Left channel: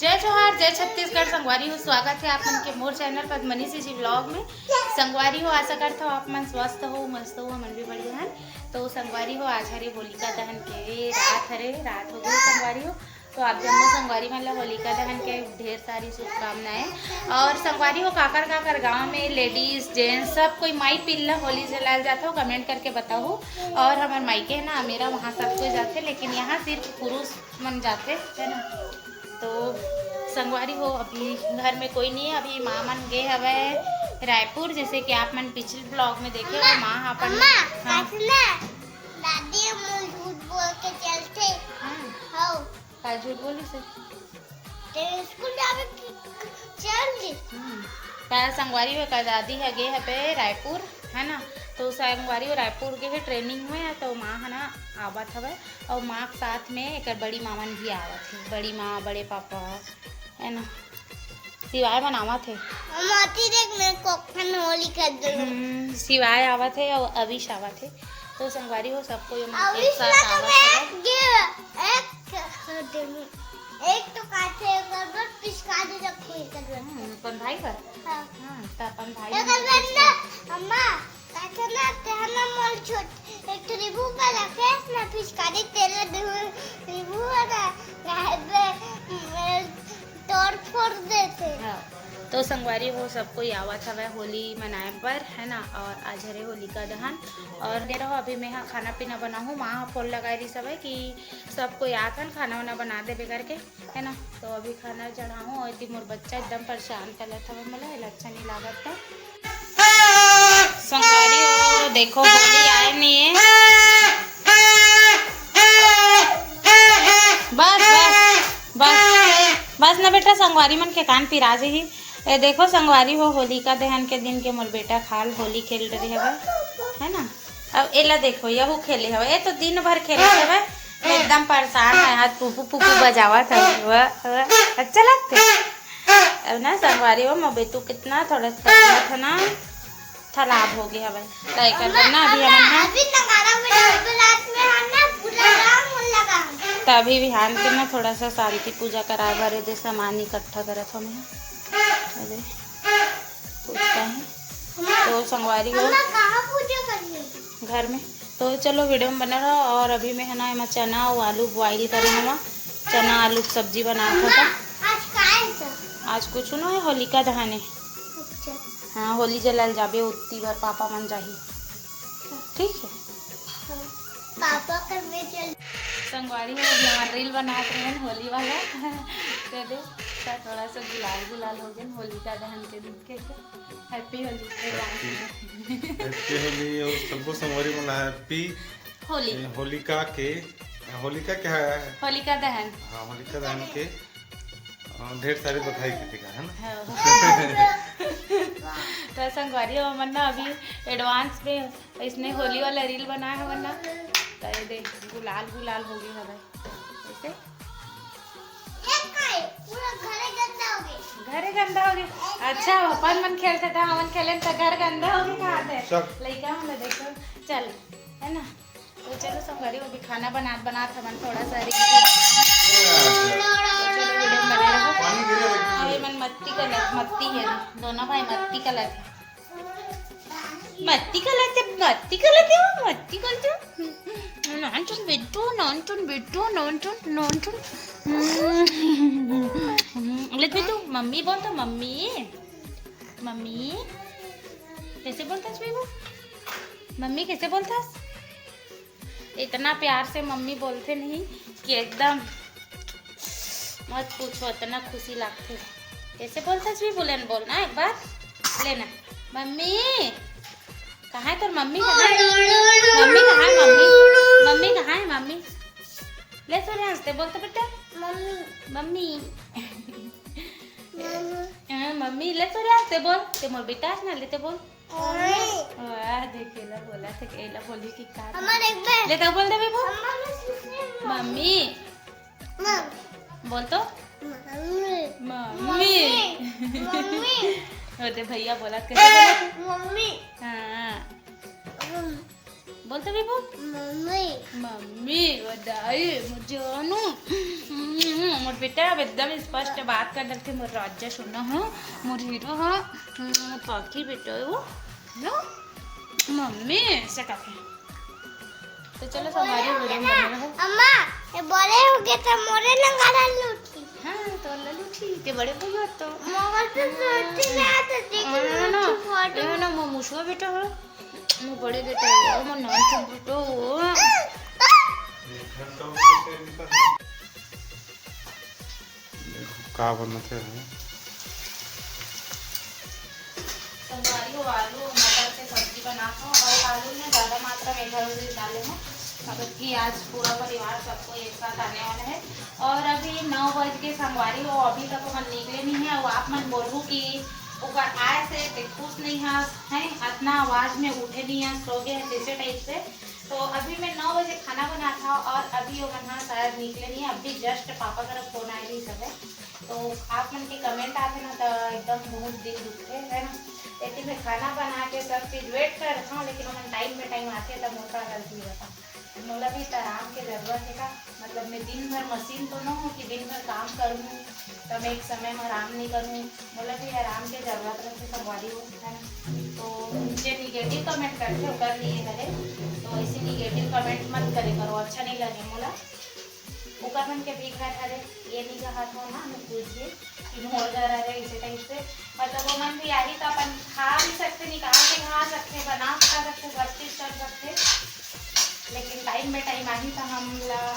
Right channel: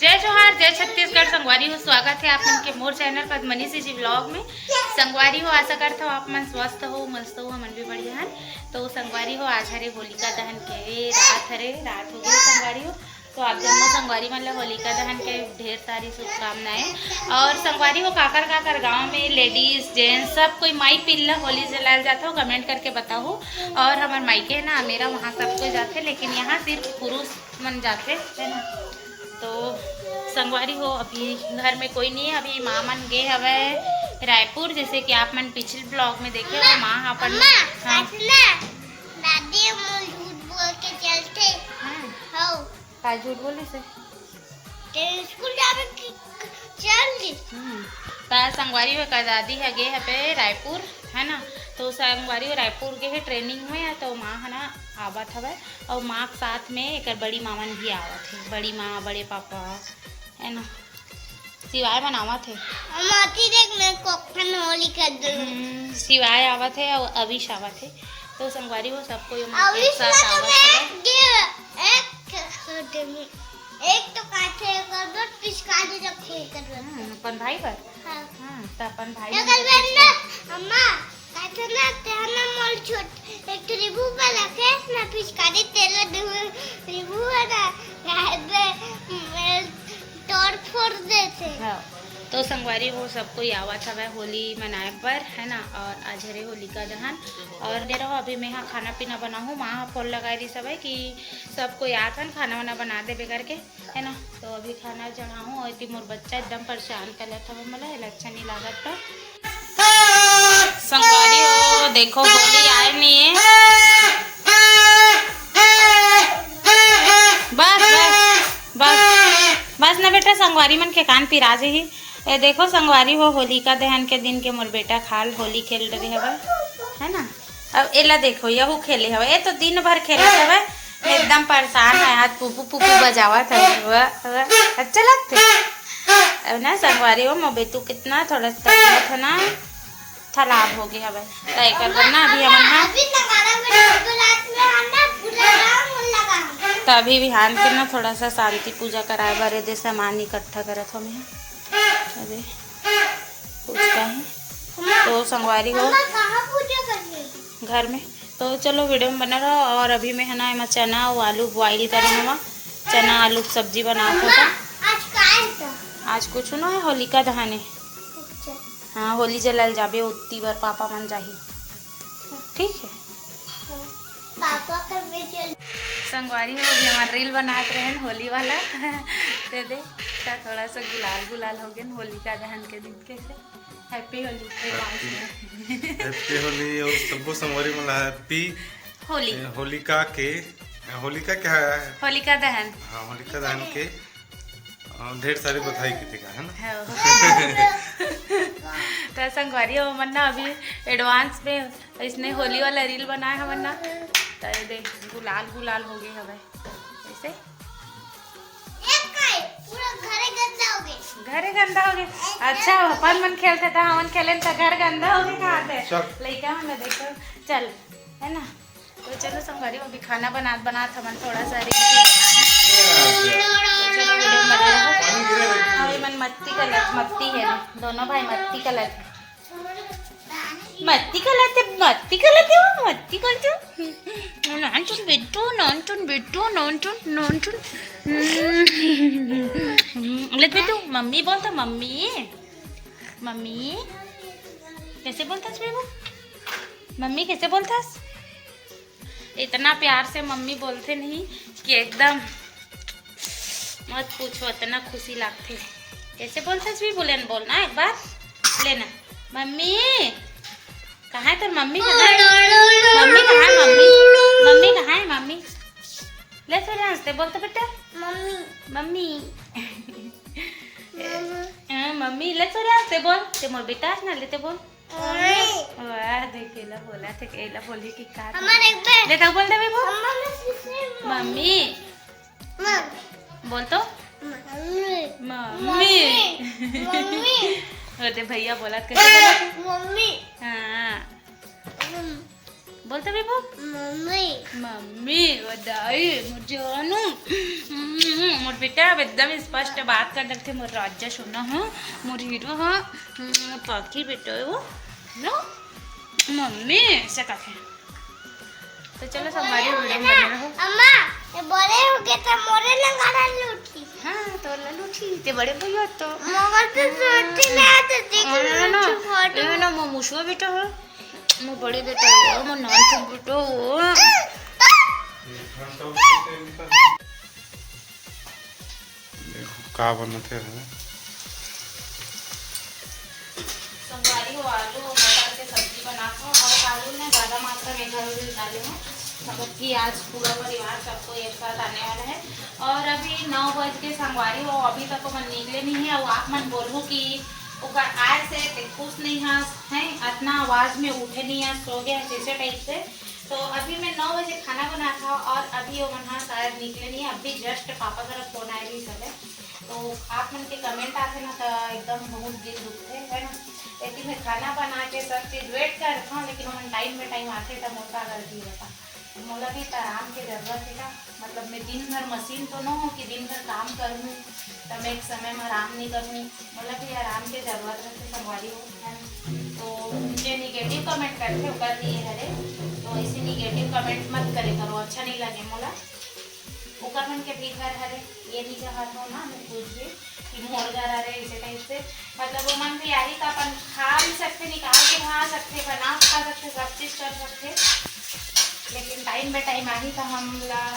जय जोहार, जय छत्तीसगढ़। संगवारी हो, स्वागत है आप मन के मोर चैनल पर मनीषी जी ब्लॉग में। संगवारी हो, आशा करता हो आप मन स्वस्थ हो, मस्त हो, मन भी बढ़िया है। तो संगवारी हो, आज हरे होलिका दहन के रात हो गई संगवारी हो। तो आप जम्मो संगवारी मन ला होलिका दहन के ढेर सारी शुभकामनाएं। और संगवारी हो, काकर गांव में लेडीज जेंट्स सब कोई माई पिल्ला होली जलाल जाता हो, कमेंट करके बताओ। और हमारे मायके है ना मेरा, वहाँ सब कोई जाते, लेकिन यहाँ सिर्फ पुरुष मन जाते है ना। तो संगवारी हो, अभी घर में कोई नहीं है। अभी माँ मन गए हवे रायपुर, जैसे कि आप मन पिछले ब्लॉग में देखे हो। माँ अपन दादी हम झूठ बोल के चलते हो। का झूठ बोली से तेरे स्कूल जावे चल दी। संगवारी हो का दादी है गए हवे रायपुर है ना। तो संगवारी हो रायपुर के ट्रेनिंग में है। तो माँ है ना आवत हवे, और माँ के साथ में एक बड़ी मामन भी आवत है। बड़ी माँ, बड़े पापा है ना, सिवाय बनावत है। माती देख मैं कोखन होली कर दूँ। सिवाय आवत है और अविश आवत है। तो संगवारी हो सबको एक साथ आवत है। एक तो काटे कर दो, पिचकारी रखे कर दो। अपन भाई पर हां तो अपन भाई अम्मा काटे ना तेरा मोल छोट एक रिबू का रखे ना, पिचकारी तेरे रिबू है ना तोड़ फोड़ देते। तो संगवारी हो सबको आवत हवे होली मनाए पर है ना। और आज हरे होलिका दहन और दे रहो। अभी मैं यहाँ खाना पीना बनाऊँ, माँ फोन लगाई रही सब है कि सबको आथन खाना वाना बना दे करके है ना। तो अभी खाना चढ़ाऊँ, और इतनी मोर बच्चा एकदम परेशान कर था मतलब अच्छा नहीं लागत था। संगवारी हो देखो, होली आए नहीं है। बस ना बेटा, संगवारी मन के कान पिरा दे ही। ये देखो संगवारी हो, होलिका दहन के दिन के मोर बेटा खाल होली खेल रहे हवे है ना। अब एला देखो, यहू खेले हवे, ये तो दिन भर खेले हवे, एकदम परेशान है। आज पुपू पुपू बजावत है, अच्छा लगता अब ना। संगवारी हो, मोर बेटू कितना थोड़ा तकलीफ है ना, तालाब हो गया हवे तय कर ना। अभी तो अभी बिहान के ना थोड़ा सा शांति पूजा कराए बारे दे सामान इकट्ठा करत हम अरे पूछता है। तो संगवारी हो घर में। तो चलो वीडियो में बना रहो। और अभी मैं है ना एमा चना और आलू बॉइल करे हम, चना आलू की सब्जी बना था। आज कुछ ना है, होलिका दहन है। हाँ, होली जलाल जाबे उतनी बार पापा मन जाही, ठीक है। पापा कर में चल संगवारी हो, अभी हमारा रील बनाते रहे होली वाला दे दे थोड़ा सा गुलाल हो गया होलिका दहन के दिन। कैसे हैप्पी होली, हैप्पी होली। और सबको संगवारी वाला हैप्पी होली। होलिका क्या है? होलिका दहन। हाँ, होलिका दहन के ढेर सारी बधाई की है ना। तो संगवारी हो मन ना अभी एडवांस में इसने होली वाला रील बनाया है वरना। तो ये देख गुलाल हो गए हवे ऐसे, घरे गंदा हो गया। अच्छा अपन मन खेलता था, हम खेले तो घर गंदा हो गया कहाँ थे लड़का हमने देखो चल है ना। तो चलो संगवारी हो, अभी खाना बना मन थोड़ा सा चलो वीडियो में बने रहो। अरे मन मत्ती है दोनों भाई, मत्ती मम्मी बोलता, मम्मी कैसे बोलता बेबू, मम्मी कैसे बोलता? इतना प्यार से मम्मी बोलते नहीं कि एकदम मत पूछो, इतना खुशी लगती है। कैसे बोलता भी बोलना एक बार लेना। मम्मी कहाँ है? तो मम्मी कहाँ है? मम्मी कहाँ है? मम्मी कहाँ है? मम्मी ले तो हंसते बोलते बेटा, मम्मी मम्मी ले तो हंसते बोल ते मोर बेटा ना लेते बोल। वाह देखेला बोला थे, केला बोली कि का ले तो बोल दे वो मम्मी बोल तो मम्मी होते भैया बोला कैसे बोला? मम्मी। हाँ बोलते विभू मम्मी मम्मी बधाई मुझे जानू मोर बेटा एकदम स्पष्ट बात कर रखे मोर राज्य सुना हाँ मोर हीरो हाँ पाखी बेटा वो नो मम्मी से कहे। तो चलो हमारी वीडियो में बने रहो। अम्मा ये बड़े हो गए थे मोरे लंगाना लूटी। हाँ तो लूटी ते बड़े भैया तो मगर तो सोची नहीं आते देख ना मो मुशवा बेटा है मो बड़े बेटा है मो नान बेटा वो का बनते हैं संगवारी हो आलू मटर से सब्जी बनाता हूँ और आलू में ज़्यादा मात्रा में इधर डाले हैं मतलब कि आज पूरा परिवार सबको एक साथ आने वाला है। और अभी 9 बज के संगवारी हो अभी तक मन निकले नहीं है और आप मन बोलूँ कि ओकर आय से खुश नहीं है इतना आवाज़ में उठे नहीं है सो गए जैसे टाइप से। तो अभी मैं 9 बजे खाना बना था और अभी वो मन शायद निकले नहीं अभी जस्ट पापा तरफ फोन आए भी सब है। तो आप मन के कमेंट आते ना तो एकदम बहुत दिल दुखते है ना लेकिन मैं खाना बना के सब चीज़ वेट कर रखा हूँ लेकिन उन्हें टाइम में टाइम आते तब मौका गलती रहता मोला भी तो आराम की ज़रूरत है का मतलब मैं दिन भर मशीन तो ना हूँ कि दिन भर काम करूँ तब मैं एक समय में आराम नहीं करूँ मतलब भी आराम की ज़रूरत रहती संगवारी हो है ना। तो मुझे निगेटिव कमेंट करके कर दिए हरे तो ऐसे निगेटिव कमेंट मत करे करो अच्छा नहीं लगे मोला ऊपर मन के भी घर हरे ये नहीं कहा था ना मैं पूछ भी कि मोर घर हरे इसे टाइप से मतलब वो मन भी आई तो अपन खा भी सकते निकाल के खा सकते बना खा सकते सब चीज़ कर सकते लेकिन टाइम में टाइम आई तो हम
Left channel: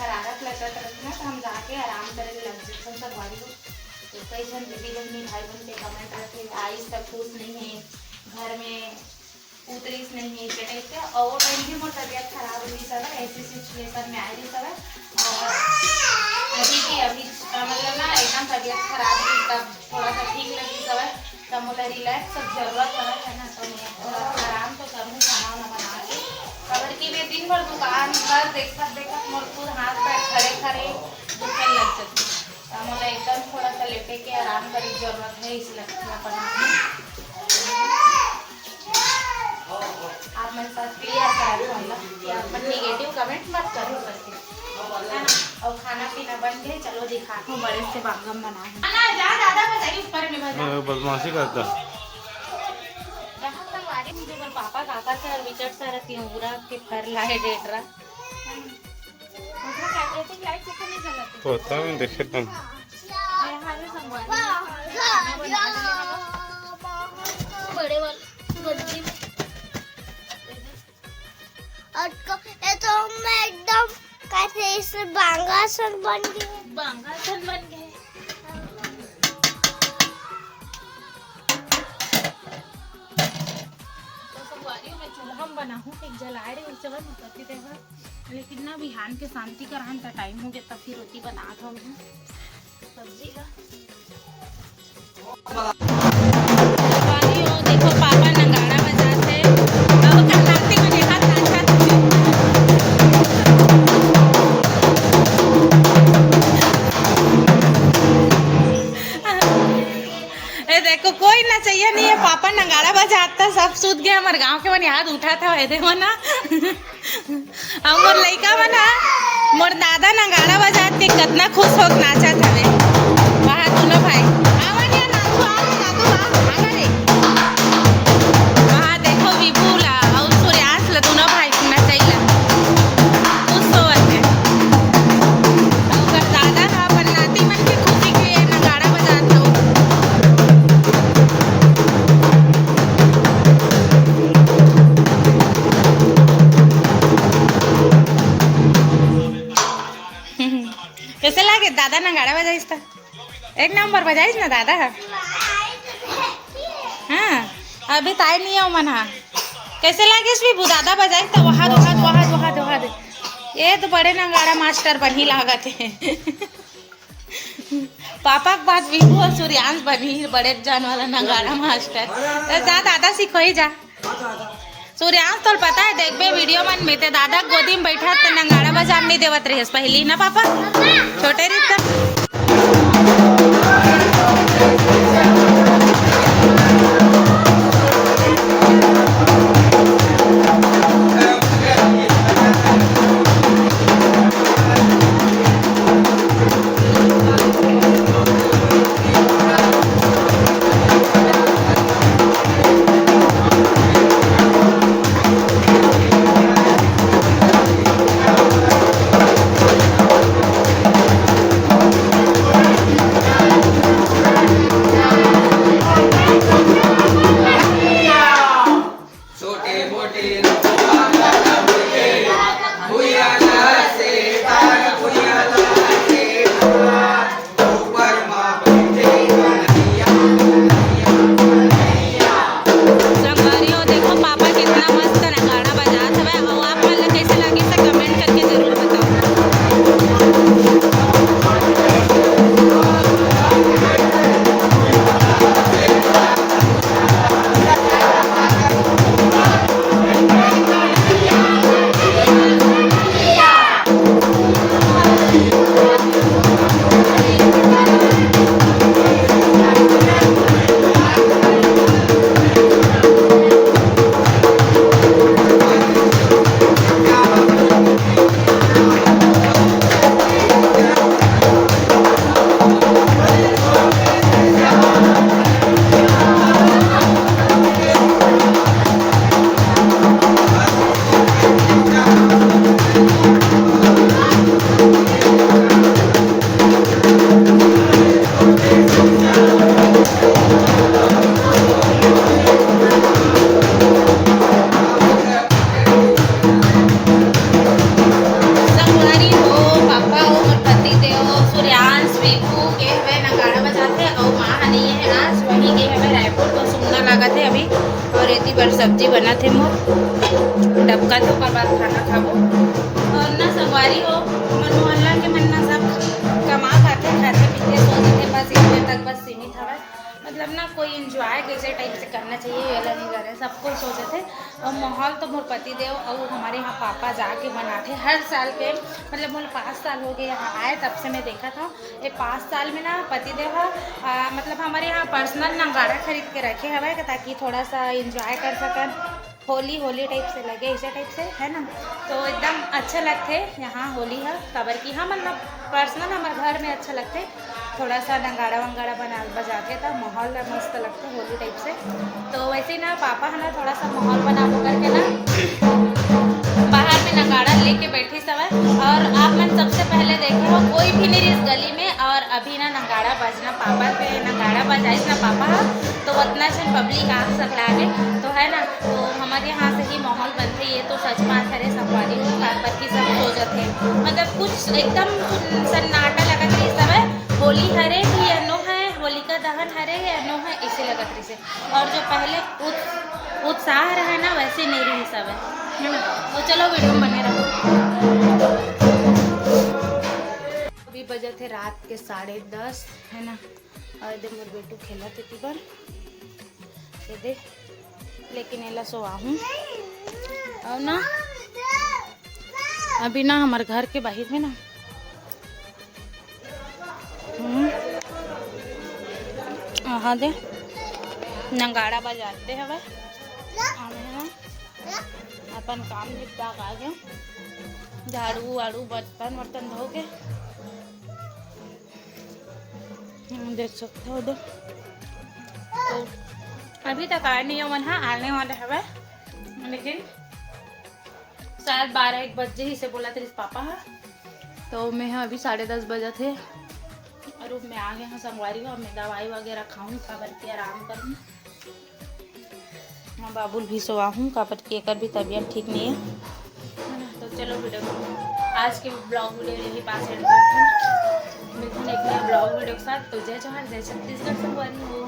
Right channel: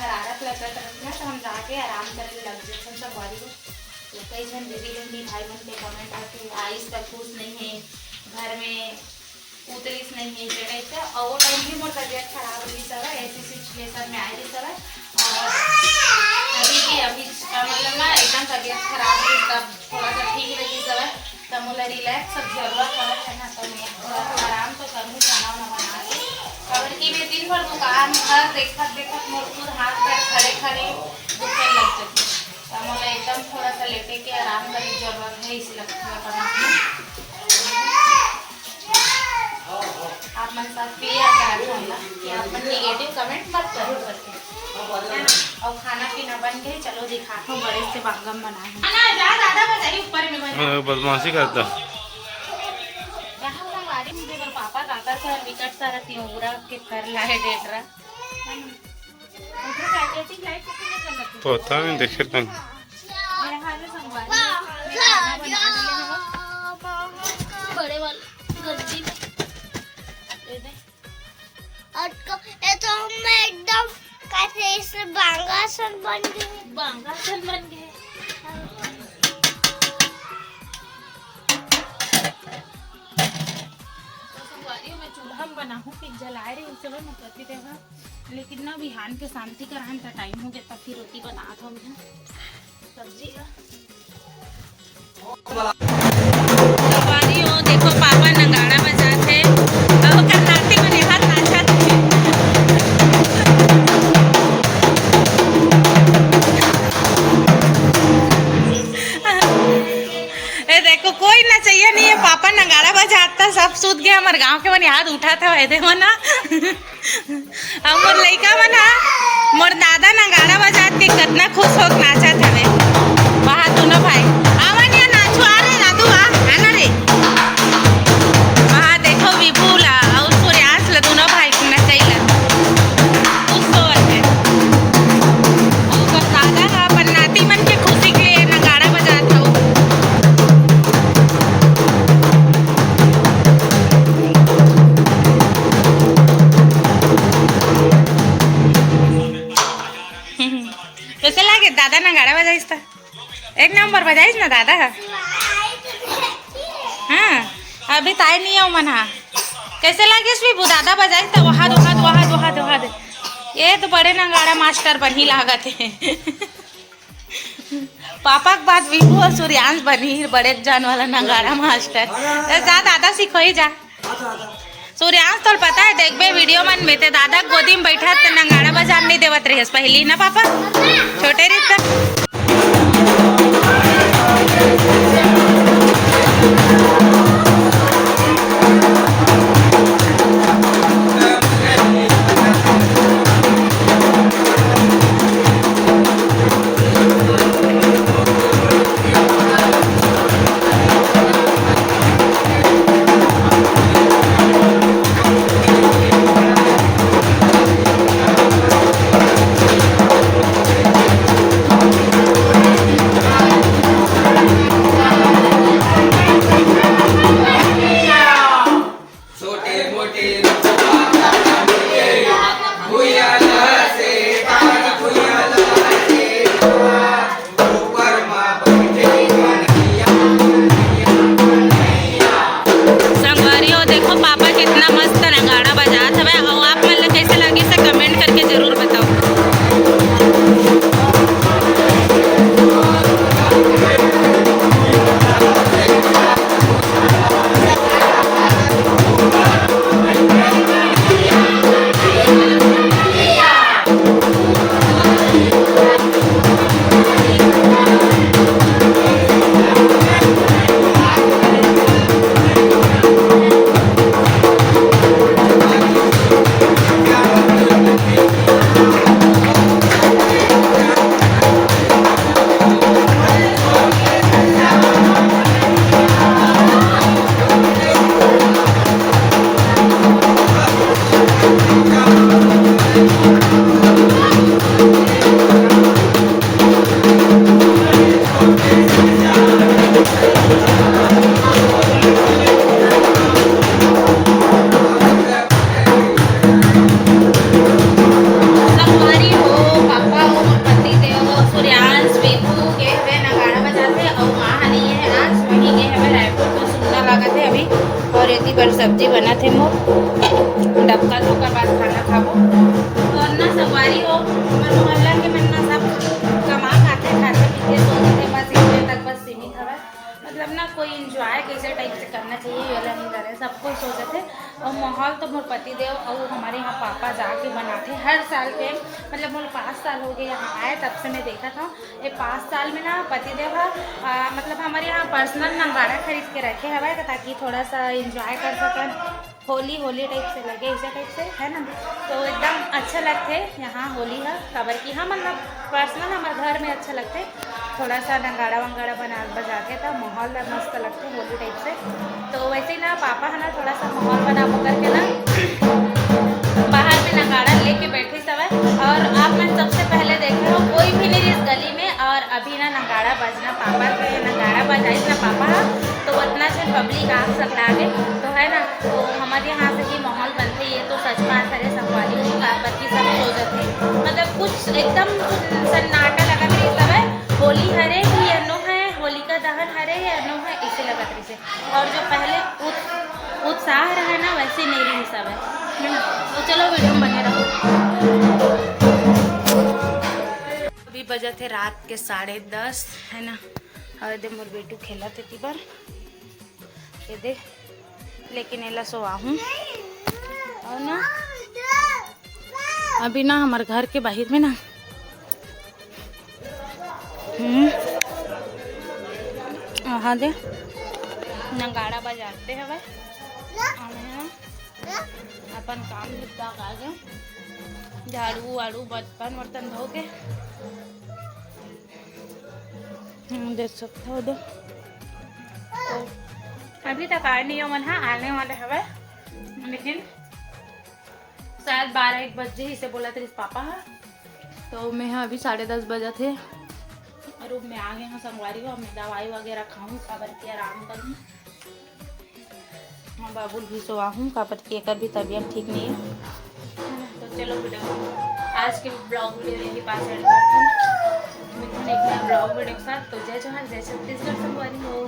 हरारत लगत रहती ना तो हम जाके आराम करे लग जाते सब बारी को। तो कई जन दीदी लोग नहीं भाई बहन पे कमेंट आते आइस तक खुश नहीं है घर में उतरीस नहीं है इसे कहते और वो टाइम भी मोर तबियत खराब हुई सब ऐसी सिचुएशन में आई सब और अभी मतलब ना एकदम तबियत खराब हुई तब थोड़ा सा ठीक लगी सब तब मोला रिलैक्स सब जरूरत है ना तो मैं थोड़ा आराम तो करूँ खाना वाना बना के और कि मैं दिन भर दुकान भर देखत मोर खुद हाथ पैर खड़े खड़े दुखने लग जाती तो मोला एकदम थोड़ा सा लेटे के आराम करने की जरूरत है इस लगती है बना आप मन साथ क्लियर करा दूँगा कि आप मन निगेटिव कमेंट मत करो करके है ना। और खाना पीना बन गए चलो दिखाता हूँ बड़े से बागम बना है जा दादा बताइए ऊपर में बना बदमाशी करता पापा काका से और विकट सारा तिहरा के फर लाए डेट रहा पता नहीं देखे तंग बड़े वाले गद्दी ये तो मैं एकदम कैसे इस बांगासन बन गए हम बनाहूँ फिर जलाए रहे सब मैं करती देगा लेकिन ना बिहान के शांति करान था टाइम हो गया तब फिर रोटी बना था हमने सब्जी का देखो पापा नगाड़ा बजाते अब कर्नाटक में हाथ नाचाते देखो कोई ना चाहिए नहीं है पापा नगाड़ा बजाता सब सूत गया हमारे गांव के मन याद उठा था वैसे हो ना अब मोर लड़का बना मोर दादा नगाड़ा बजाते कितना खुश हो नाचा था रे वहाँ दोनों भाई आवन या नाचो आ रे दादू आ ना रे वहाँ देखो विभूला और सूर्यास ला दोनों भाई नचाइला उस सोवर में और दादा का अपन नाती मन के खुशी के लिए नगाड़ा बजाता हूँ। कैसे लागे दादा नगाड़ा बजाइस था एक नंबर बजाइस ना दादा हाँ अभी ताई नहीं आओ मना कैसे लागे भी दादा बजाइस था वहाद ये तो बड़े नगाड़ा मास्टर बनी लागत है पापा के बाद विभू और सूर्यांश बनी बड़े जान वाला नगाड़ा मास्टर जा दादा सीखो ही जा सूर्यांश तो पता है देखबे वीडियो मन में ते दादा गोदी में बैठा तो नगाड़ा बजान नहीं देवत रही पहली ना पापा छोटे रहता ती बर सब्जी बना थे मोर डबका थे ओकर बाद खाना खाबो। और ना संगवारी हो हमार मोहल्ला के मन ना सब कमा खाते पीते सोचते बस इतने तक बस सीमित हवा। मतलब ना कोई इंजॉय कैसे टाइप से करना चाहिए ये वाला नहीं कर रहे, सब कुछ सोचे थे। और माहौल तो मोर पति देव और हमारे यहाँ पापा जाके बनाते हर साल के, मतलब मोर 5 साल हो गए यहाँ आए तब से मैं देखा था। ये 5 साल में ना पति देव मतलब हमारे यहाँ पर्सनल नंगाड़ा खरीद के रखे हवा ताकि थोड़ा सा इंजॉय कर सकें। होली टाइप से लगे ऐसा टाइप से है ना, तो एकदम अच्छा लगते यहाँ होली है खबर की। हाँ मतलब पर्सनल हमारे घर में अच्छा लगते, थोड़ा सा नगाड़ा वंगाड़ा बजाते था, माहौल मस्त लगते होली टाइप से। तो वैसे ही ना पापा है ना थोड़ा सा माहौल बना करके ना बाहर में नगाड़ा लेके बैठे सब है। और आप मैं सबसे पहले देखे हो कोई भी नहीं इस गली में, और अभी ना नगाड़ा बजना पापा के नगाड़ा बजाइस ना पापा तो उतना जन पब्लिक आग सक लागे तो है ना। तो हमारे यहाँ से ही माहौल बनते, ये तो सच बात है संगवारी हो पर की सब सो जाते, मतलब कुछ एकदम सन्नाटा लगत रही सब है। होली हरे भी अनो है, होलिका दहन हरे है अनो है, इसे लगत रही से। और जो पहले उत्साह रहे ना वैसे नहीं रही सब है ना। तो चलो वीडियो में बने रहो। अभी बजे थे रात के 10:30 है ना, और दे मोर बेटू खेला थे तीबर ये दे, लेकिन एला सोआ हूँ और ना अभी ना हमारे घर के बाहर में ना हाँ दे नगाड़ा बजाते हैं भाई। अपन काम निपटा आ गए, झाड़ू वाड़ू बर्तन वर्तन धो के देख सकते हो। तो अभी तक आए नहीं हो मन, हाँ आने वाले हवे, लेकिन शायद 12-1 बजे ही से बोला था पापा है। तो मैं अभी 10:30 बजे थे और रूम में आ गए हैं संगवारी हो। मैं दवाई वगैरह खाऊँ काबर के आराम करूँ। हाँ बाबुल भी सोआ हूँ काबर की एकर भी तबीयत ठीक नहीं है। तो चलो वीडियो आज के ब्लॉग वीडियो यही पास एंड करते हैं। मिलते हैं एक नया ब्लॉग वीडियो के साथ। तो जय जवाहर जय छत्तीसगढ़ संगवारी हो।